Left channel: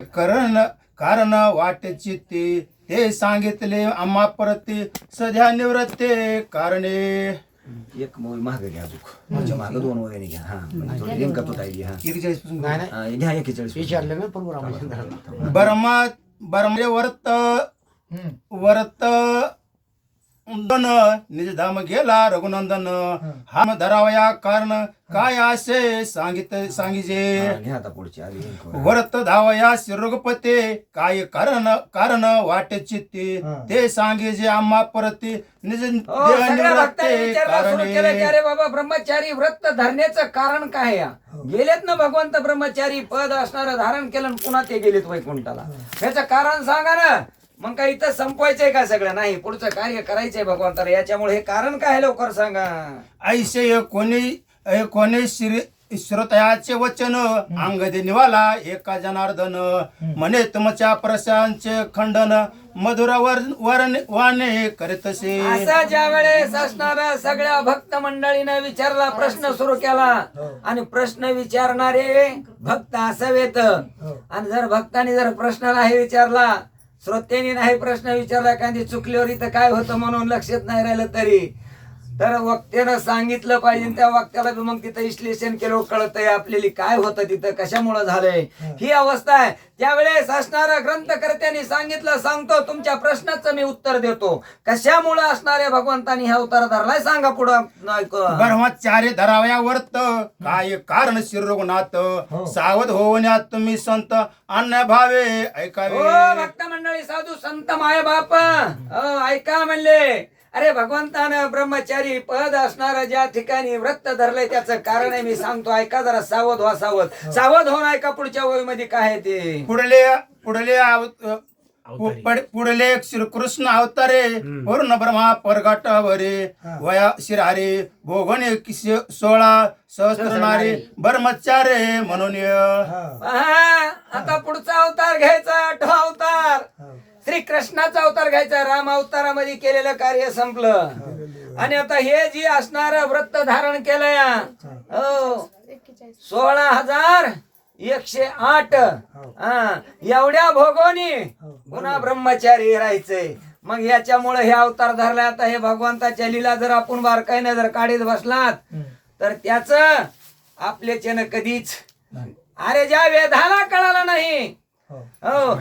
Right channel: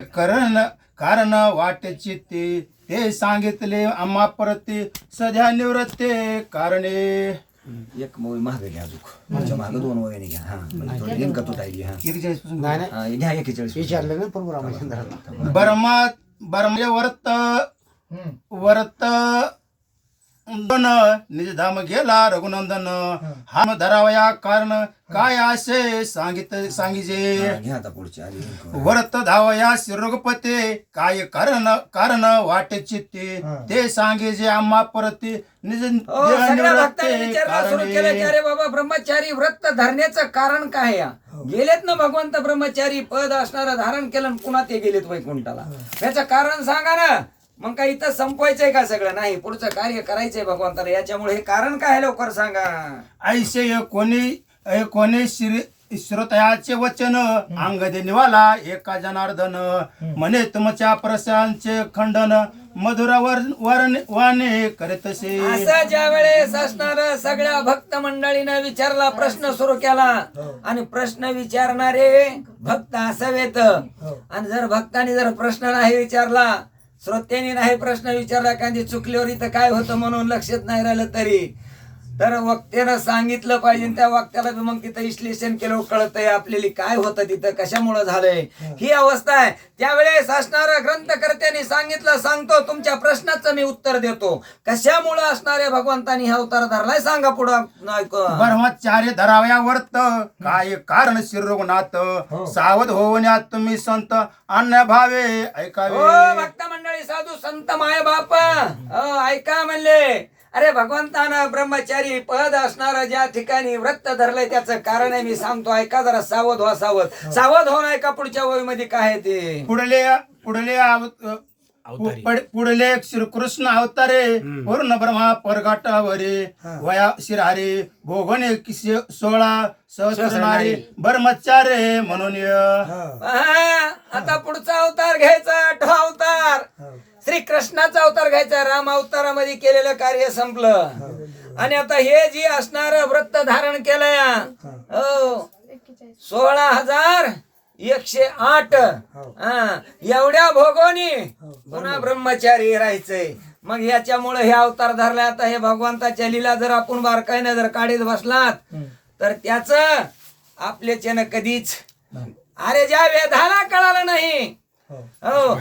कारण वाटे चित्ती ते सांगितले आम्हा परती सध्या निवृत्ते कारणे. एक मोबाईल महाग घ्या बुक माझ्या मागं 2 वगैरे घ्या. हा म्हणजे थोडी लिंक तो ताई घ्या. 41 पासून घ्या 41 विचारलं ना पूर्व बर्मे वरत निजधाम गेला रघुनंदन हाम धरावया कारण काय असे सांगिजे. घ्या आता पुढची आली लिंक. वरत धावया रघुपते काय कारण वाटे चित्ती ते सांगिजे आम्हा परती निज सगळ्या भक्तांनी विचारणं सुरू केलं की कारणे. अरे बाबा ब्रह्मचारी व्रत धरण्याचं कारण काय या गेलेत ना भगवंत ब्रह्मचारी पद असणारं धारण केलं आणि पुन्हा ते गेलेत वैकुंठाला. याचं कारण सांगा ना. मग काय इथं संपवायचंय का सगळं? नाही, पुढचं कार्य करायचंय भगवंताला. याच्यामुळे हे कारण काय लवकर सांगा. ऐसे कोणी श्रोतयाचे वचन अंगदे निवाला एका जनार्दन म्हणे तुमच्या प्रशांचे खंडन मधुर वाणे करीतसे. असं ज्या वेळेस असणार सगळ्या भक्त मंडळीनं विचारला, प्रश्न सुरू केला आणि प्रश्न विचारणारे भक्त असावेत. आणि जर भक्तांनी जर प्रश्न नाही विचारला, श्रोत्यांनी नाही प्रश्न विचारला, एखादी चुकल्यावर इथं काय होतं म्हणून लक्षात नाही राहिलं तरी तर वक्त्यानं सांगितलं पाहिजे. त्या वक्त्याला मग तिथं विश्लेषण केलं कळतंय आपल्याला काय होतं तिथं कशामुळं झालंय ही अवस्था आहे. त्यावेळेस असणाऱ्या ग्रंथकर्त्यांनी सांगितलं, सांगतो तुमच्या प्रश्नाचं मी उत्तर देतो. कशामुळं असणाऱ्या भगवंतानी हा अवतार धरलाय सांगा पुढं. ब्रह्मचार्य धरावया वर्त काय कारण शिरघुनाथ सावध होण्यात तुम्ही संत अन्य भावे ऐकावे. भक्त मंडळी साधू संत माय बाप ऐका म्हणले. अरे भगवंतानं ब्रह्मचारी पद असणारा ज्या ठिकाणी व्रत धरलंय त्याचं कारण आहे मी सांगतो, ऐका जरा. सावध व्हा, सावध होऊन ऐका पुढच्या ओळीमध्ये काय आहे ते. पुढले श्रीकृष्ण अवतारे पूर्ण ब्रह्मा परगाटावरे वया शिरारे भोगणे 16 सहस्रनारे ब्रह्मचार्य म्हणून. आता पुढचा अवतार घ्यायचा 8वा अवतार श्री कृष्णाचा अवतार घ्यायचा. राम अवतारामध्ये केलेलं कार्य संपलं आणि आता हे जी असणार व्रत धारण केलंय 16,108 एवढ्या भोगोनी पुन्हा ब्रह्मचारी राहायचंय. मग याच्यामुळे हे अवतार धरले. आता हे भगवंताच्या लीला जर आपण बारकाईने जर काढीत बसलात तर त्याच आपल्याच्यानं कधीच अरे ज्या वेदाला कळालं नाही,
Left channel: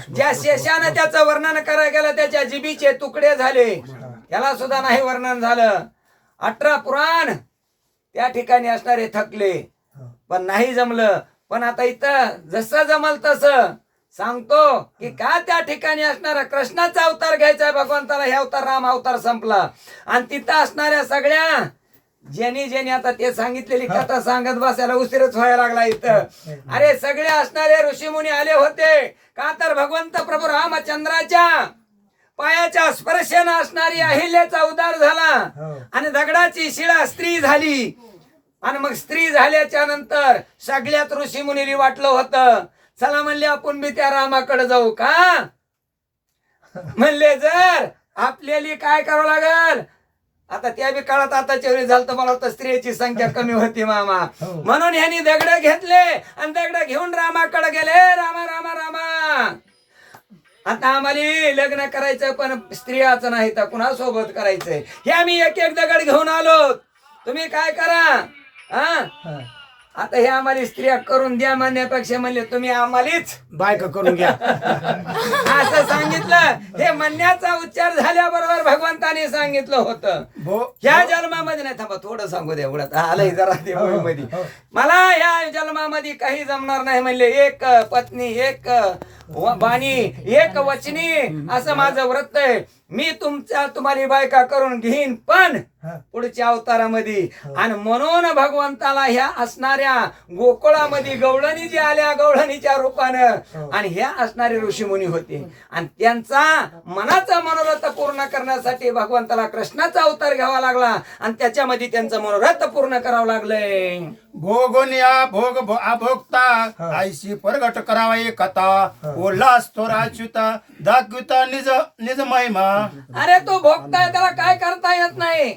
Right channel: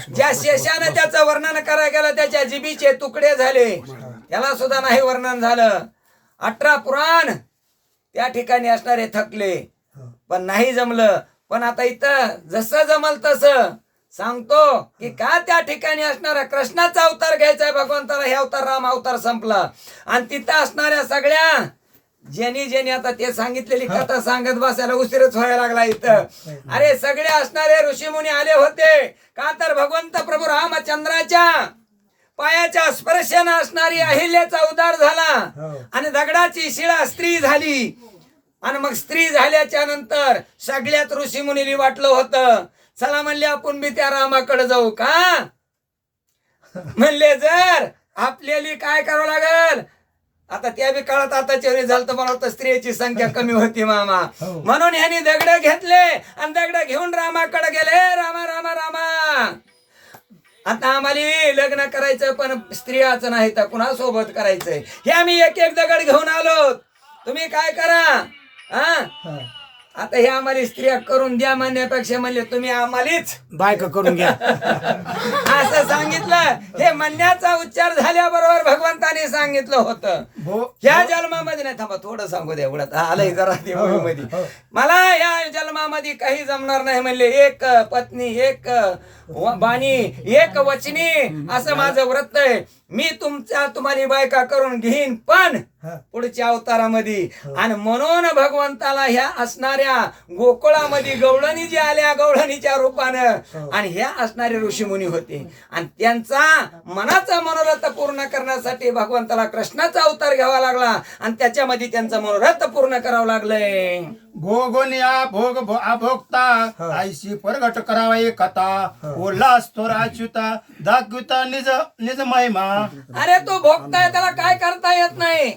ज्या शेषाने त्याचं वर्णन करायला गेलं त्याच्या जिबीचे तुकडे झाले, त्याला सुद्धा नाही वर्णन झालं. 18 पुराण त्या ठिकाणी असणारे थकले पण नाही जमलं. पण आता इथं जसं जमल तसं सांगतो की का त्या ठिकाणी असणारा कृष्णाचा अवतार घ्यायचा भगवंताला. हे अवतार राम अवतार संपला आणि तिथं असणाऱ्या सगळ्या ज्यांनी आता ते सांगितलेली कथा सांगत बसायला उशीरच व्हायला लागला इथं. अरे सगळे असणारे ऋषीमुनी आले होते का तर भगवंत प्रभू रामचंद्राच्या पायाच्या स्पर्शाने असणारी अहिल्याचा उद्धार झाला आणि दगडाची शिळा स्त्री झाली. आणि मग स्त्री झाल्याच्या नंतर सगळ्यात ऋषीमुनीला वाटलं होतं चला म्हणले आपण बी त्या रामाकडे जाऊ का. म्हणले जर आपल्याला काय करावं लागल. आता त्या बी काळात आताच्या वेळी झालं तर मला वाटतं स्त्रियांची संख्या कमी होती मामा. म्हणून ह्यांनी दगड घेतले आणि दगड घेऊन रामाकडे गेले. रामा रामा रामा आता आम्हाला लग्न करायचं पण स्त्रियाचं नाही तर कुणा सोबत करायचंय. हे आम्ही एक एक दगड घेऊन आलो, तुम्ही काय करा. आता हे आम्हाला स्त्रिया करून द्या म्हणण्यापेक्षा म्हणले तुम्ही आम्हालाच बायका करून घ्या असं सांगितलं. हे म्हणण्याचा उच्चार झाल्याबरोबर भगवंताने सांगितलं होतं ह्या जन्मामध्ये नाही. थांबा थोडं सांगू द्या एवढ्यात आलंय जरा देवामध्ये. मला ह्या जन्मामध्ये काही जमणार नाही म्हणले. एक पत्नी, एक बाणी, एक वचनी असं माझं व्रत आहे. मी तुम्हाला बायका करून घेईन पण पुढच्या अवतारामध्ये. आणि म्हणून भगवंताला ह्या असणाऱ्या गोकुळामध्ये गवळणी जी आल्या गवळणीच्या रूपानं आणि ह्या असणारे ऋषीमुनी होते आणि त्यांचा मनाचा मनोरथ पूर्ण करण्यासाठी भगवंताला कृष्णाचा अवतार घ्यावा लागला आणि त्याच्यामध्ये त्यांचं मनोरथ पूर्ण करावं लागलंय. भोगोनिया भोग अभोगता आईशी प्रगट करावा एक कथा उल्हास थोराच्युता दाखविता निज महिमा. अरे तो भोगताय त्याला काय करता येत नाही.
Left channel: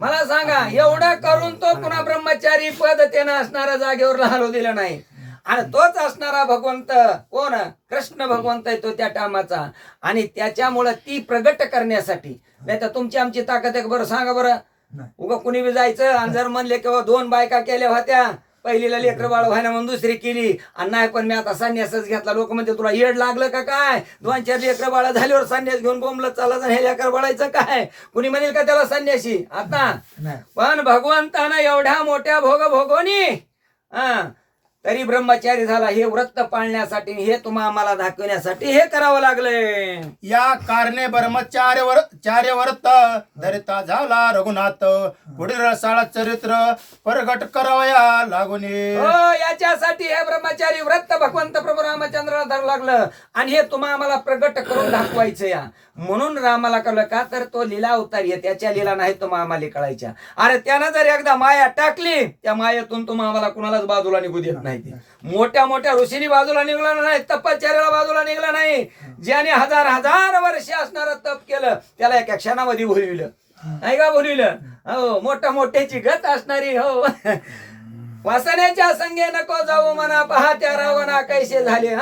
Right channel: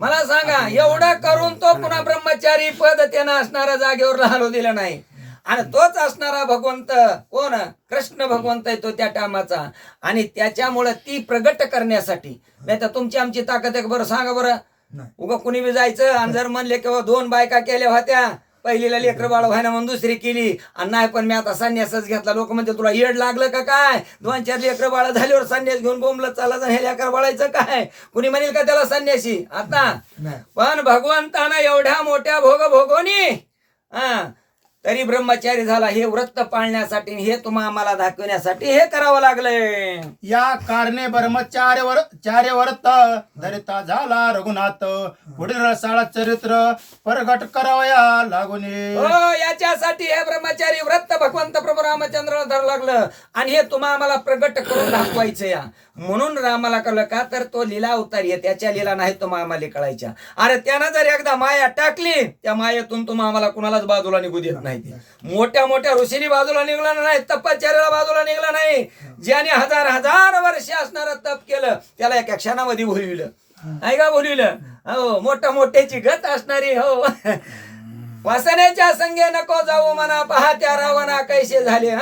मला सांगा एवढं करून तो पुन्हा ब्रह्मचारी पद त्यानं असणाऱ्या जागेवर राहिलो दिलं नाही. आणि तोच असणारा भगवंत कोण कृष्ण भगवंत आहे तो त्या टायमाचा. आणि त्याच्यामुळं ती प्रगट करण्यासाठी, नाही तर तुमची आमची ताकद आहे का बरं सांगा बरं. उगा कुणी बी जायचं आणि जर म्हणले किंवा 2 बायका केल्या होत्या, पहिलीला लेकर बाळ व्हायना म्हणून दुसरी केली, आणि नाही पण मी आता संन्यासच घेतला. लोक म्हणते तुला येड लागलं का काय, 2-4 लेकर बाळ झाल्यावर संन्यास घेऊन बोंबलत चालायचं, हे लेकर बाळायचं काय, कुणी म्हणेल का त्याला संन्यासी आता. पण भगवंतानं एवढ्या मोठ्या भोगोनी तरी ब्रह्मचारी झाला. हे व्रत पाळण्यासाठी, हे तुम्हा आम्हाला दाखवण्यासाठी हे करावं लागलंय. या कारणे चार्य व्रत धरिता झाला रघुनाथ, पुढील रसाळा चरित्र प्रगट करावया लागुनी. हो, याच्यासाठी हे ब्रह्मचारी व्रत भगवंत प्रभू रामचंद्र धरू लागलं. आणि हे तुम्हा आम्हाला प्रगट करून दाखवायचं या. म्हणून रामाला कळलं का, तर तो लीला अवतारी आहे, त्याच्या लीला नाही तुम्हा आम्हाला कळायच्या. अरे त्यानं जर एकदा माया टाकली, त्या मायेतून तुम्हा आम्हाला कुणालाच बाजूला निघू देत नाही. मोठ्या मोठ्या ऋषीनी बाजूला निघला नाही, तपश्चर्याला बाजूला निघला नाही. ज्याने 1000 वर्ष असणारं तप केलं त्याला एका क्षणामध्ये भुलविलं, नाही का भुलविलं. हो, मोठ्या मोठ्याची गत असणारी, हो वासनेच्या संगे नको जाऊ म्हणा, पहा त्या रावणा कैसे झाले.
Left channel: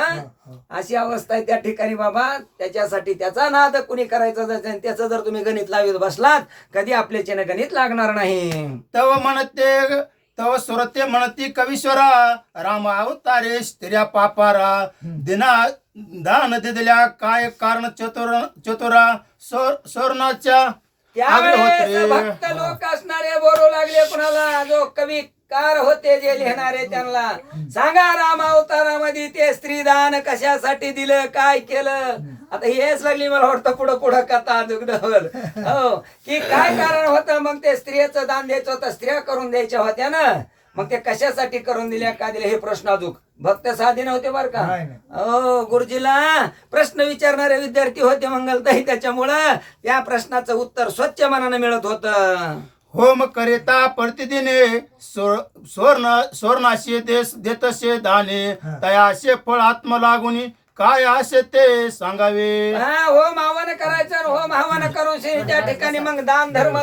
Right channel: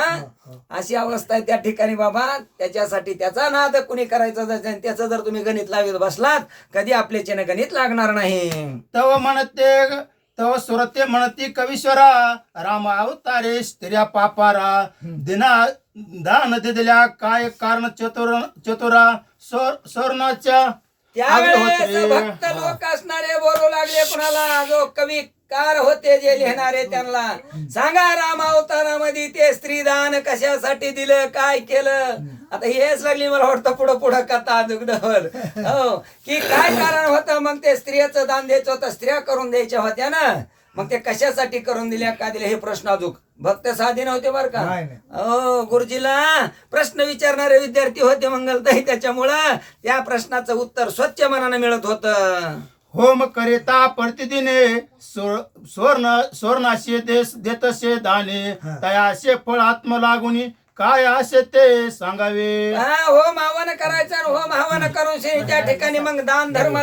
अशी अवस्था आहे त्या ठिकाणी बाबा. त्याच्यासाठी त्याचा नाद कुणी करायचा, त्याचं जर तुम्ही गणित लावत बसलात, कधी आपल्याच्याने गणित लागणार नाही. तव सुरते म्हणती कवीश्वरा, राम अवतारे स्त्रिया पापारा, दिना दान दिल्या काय कारण चतुरा सोरणाच्या त्यावेळेस भक्त लोक असणारे बोलू लागले कुणाला, जो कवी कार होते जे लिहिणारे त्यांना, सांगा राम अवतारामध्ये ते स्त्रीदान कशासाठी दिलं, काय केलं. आता हेच लागली मला वाटतं पुढं कथा दुग्धवर, हो की काय कारण होतं. मग ते स्त्रियाचं दान द्यायचं होतं, स्त्रिया करून द्यायच्या होत्या ना, मग ते कशासाठी करून दिल्या, का दिल्या, हे प्रश्न अजून भक्त साधी नव्हते बरं का. हो, गुरुजीला प्रश्न विचारणारे विद्यार्थी होते मंगलताई, त्याच्यामुळं त्या प्रश्नाचं उत्तर स्वच्छ मनानं मिळत होतं. होम करिता प्रतिदिने स्वर्णाशी देतसे दाने, तयाशे फळ आत्म लागुनी काय असे ते सांगावे. होम आव्हान करायचं, होम आव्हान करून त्या ठिकाणी मग दान धर्म